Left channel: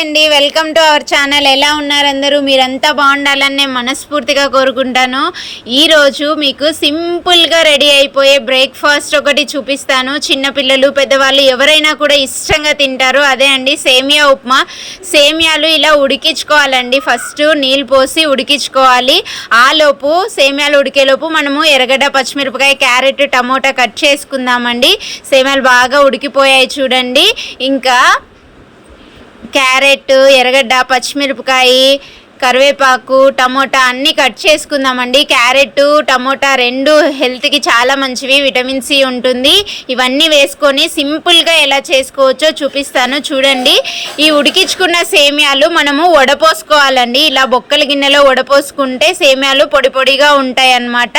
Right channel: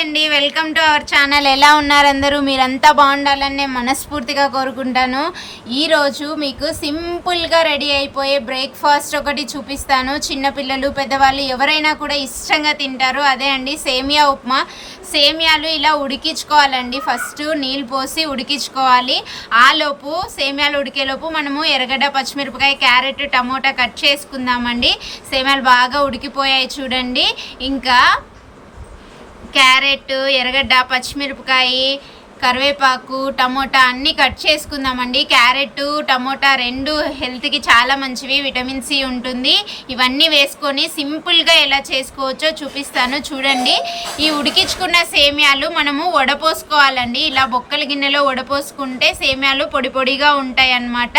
అండి. Welcome to our channel ఎలా ఉన్నారందరూ మీరంతా బాగుండాలని నేను మనస్ఫూర్తిగా కోరుకుంటాను. ఈరోజు మీకు సింపుల్గా రెడీ అయిపోయే బ్రేక్ఫాస్ట్ ఒకటి చూపిస్తాను. చిన్నపిల్లలు పెద్దవాళ్ళు ఎవరైనా కూడా ఇష్టంగా తింటారు. అదే అండి సేమియా ఉప్మా. సేమియాలు ఇలా ఉడికించుకోవాలండి. ఫస్ట్ నీళ్ళు పోసి ఉడికించుకోవాలి. ఆలోపు సేమియాలు ఉడికేలోపు మనము ఎర్రగడ్డ పచ్చిమిరపకాయ క్యారెట్ టమోటా కట్ చేసుకుందామండి. సేమియాలు బాగా ఉడికిపోయాయి చూడండి. ఇంకా క్యారెట్ ఎర్రగడ్డ పచ్చిమిరపకాయ కరివేపాకు టమోటా అన్నీ కట్ చేసుకుందామండి. క్యారెట్ టమోటా రెండు హెల్త్కి చాలా మంచివి విటమిన్ సి ఉంటుంది. ఇవన్నీ వేసుకొని సింపుల్గా ఎలా చేసుకోవచ్చో చూపిస్తాను చూడండి. ఈ ఉడికించుకున్న సేమియాలు మనము వడపోసుకోవాలండి. ఇలా బొక్కల గిన్నెలో వడపోసుకుంటే సేమియాలు పొడి పొడిగా ఉంటాయి అన్నమాట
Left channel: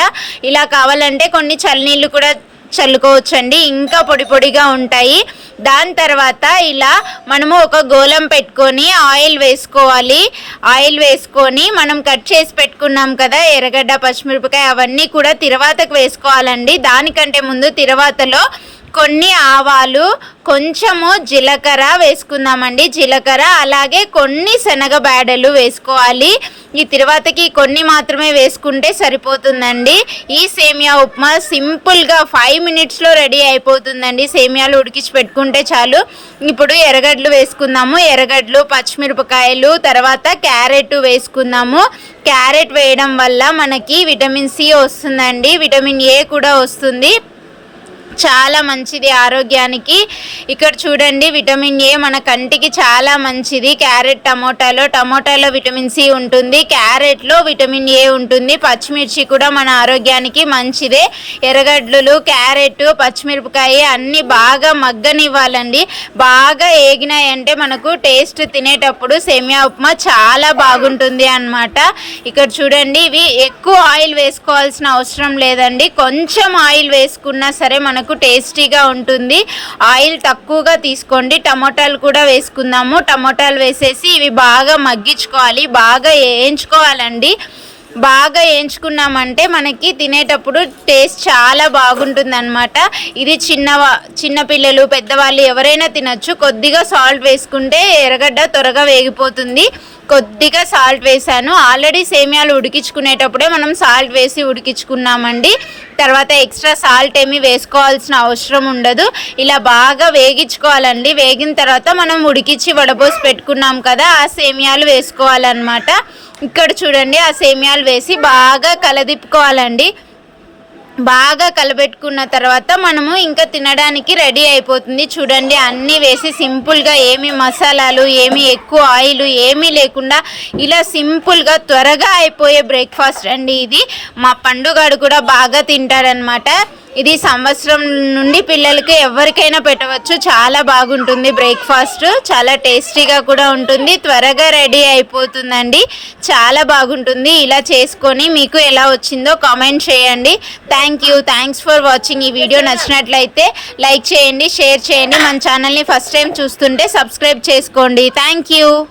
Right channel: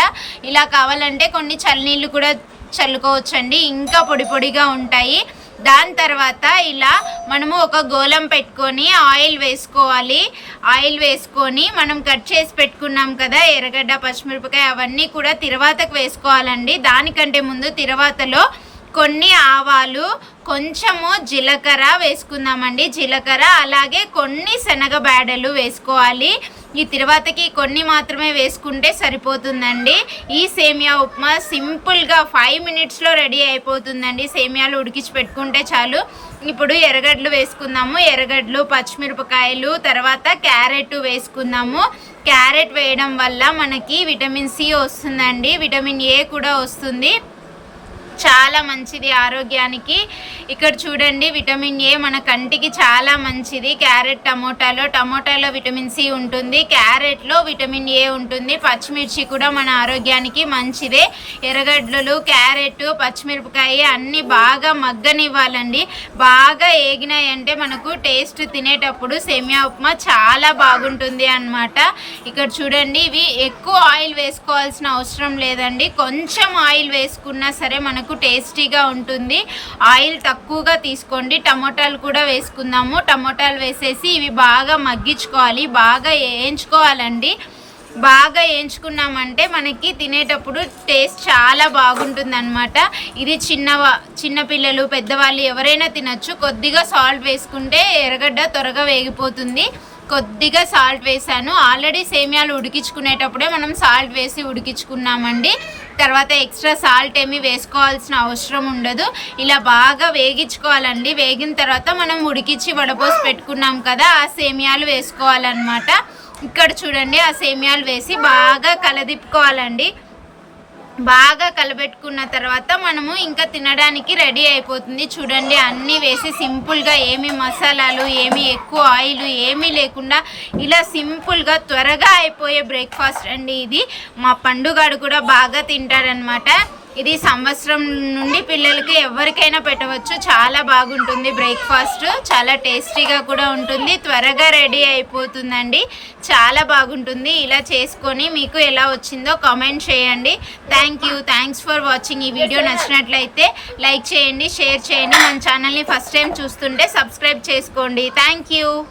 ఇలా కావాలంటే కొన్ని చల్లనీళ్ళు కూడా చల్లుకోవచ్చండి. ఇంకా పొడి పొడిగా ఉంటాయి. దాని తర్వాత ఇలా మనము ఒక గోళం పెట్టుకొని ఆయిల్ వేసుకోవాలి. ఆయిల్ వేసుకొని మనం కట్ చేసి పెట్టుకున్నాం కదా ఎర్రగడ్డ పచ్చిమిరపకాయ అవన్నీ కూడా తిరవాతకు వేసుకోవాలండి. దానికంటే ముందు తిరవాతలో కొన్ని ఆవాలు కొంచెము జీలకర్ర వేసుకుందామండి. జీలకర్ర అలాగే కొన్ని శనగ బేడలు వేసుకోవాలి. ఈ తిరువాతకి కొన్ని మాత్రమే వేసుకుంటే సరిపోతుందండి. ఈ సేమియా ఉప్మా సింపుల్గా ఫైవ్ మినిట్స్లో రెడీ అయిపోతుందండి. సేమియాలు ఉడికించి పెట్టుకుంటే చాలు. ఇప్పుడు ఎర్రగడ్డలు వేసుకుందాము. ఎర్రగడ్డలు పచ్చిమిరపకాయలు తర్వాత క్యారెట్ వేసుకుందాము. క్యారెట్ వేయడం వల్ల మనకి విటమిన్ సి వస్తుందండి. విటమిన్ ఏ కూడా వస్తుంది. చాలా మంచిది ఆరోగ్యానికి. ఇక్కడ చూడండి విటమిన్ ఏ మన కంటికి చాలా మంచిది. క్యారెట్ టమోటాలో టమోటాలో విటమిన్ సి ఉంటుంది. క్యారెట్లో విటమిన్ ఏ ఉంటుంది. పచ్చిమిర్చి కూడా మన ఆరోగ్యానికి మంచిదే. ఎర్రగడ్డలు క్యారెట్ పచ్చిమిరపకాయ అన్నీ బాగా మగ్గనివ్వాలండి. బాగా ఏగినాయంటే మనకు టేస్ట్ తినేటప్పుడు సేమియా ఉప్మా చాలా బాగుంటుంది అనమాట ఇక్కడ చూడండి ఇవి ఎక్కువ ఆయిల్ వేసుకోవాల్సిన అవసరం లేదండి. కొంచెం ఆయిల్ వేసుకున్నా సరే మనకు టేస్టీగా ఉంటుంది. ఆయిల్ తక్కువగా తీసుకోండి. టమోటాలు కూడా వేసుకుందాము. టమోటాలు వేసేసి ఇవి బాగా మగ్గించుకోవాలి. బాగా వేయించుకోవాలండి. బాగా వేయించుకున్నామంటే మనకి తినేటప్పుడు టేస్ట్ చాలా బాగుంటుంది అనమాట ఇది చిన్న చిన్నపిల్లలు పెద్దవాళ్ళు ఎవరైనా తినచ్చు. కొద్దిగా సాల్ట్ వేసుకుంటే ఎర్రగడ్డ త్వరగా వేగిపోతుంది. కొద్దిగా సాల్ట్ వేసాను. ఆల్రెడీ సేమియాలు ఉడికించుకునేటప్పుడే మనం సాల్ట్ వేసి ఉడికించుకున్నామండి. తర్వాత ఎక్స్ట్రా సాల్ట్ ఏమి వేసుకోవాల్సిన అవసరం ఉండదు. ఇలా బాగా వేగించుకోవాలండి. వేగిన తర్వాత మనం ఉడికించి వడపోసి పెట్టుకున్నాం కదా ఆ సేమియాలు వేసుకోవాలన్నమాట. ఇక్కడ చూడండి ఆ సేమియాలు వేసి బాగా కలదిప్పుకోవాలండి. బాగా కలబెట్టుకున్న తర్వాత మనము ఇంకా తినడానికి రెడీ అయిపోతుంది. చూడండి అన్నీ వేసి సింపుల్గా ఏమి మసాలాలు ఏమి ఎక్కువ ఆయిల్ ఏమీ లేకుండా ఇలా సింపుల్గా త్వరగా అయిపోయే బ్రేక్ఫాస్ట్ అండి ఇది. మా పండుగాడు కూడా బాగా తింటాడనమాట ఇది సంవత్సరం నుండి పిల్లలకి ఎవరికైనా పెట్టవచ్చు. చాలా బాగుంటుంది బ్రేక్ఫాస్ట్. చాలా టేస్టీగా కూడా ఉంటుంది. త్వరగా రెడీ అయిపోతుందండి. చాలా బాగుంటుంది. ఇలా చేసుకొని మీకు ఎలా వచ్చిందో కామెంట్ చేయండి. Thank you thanks for watching ఈ వీడియో నచ్చినట్లయితే లైక్ చేయండి షేర్ చేయండి. మన ఛానల్ని ఫస్ట్ టైం చూస్తుంటే సబ్స్క్రైబ్ చేసుకోండి. Thank you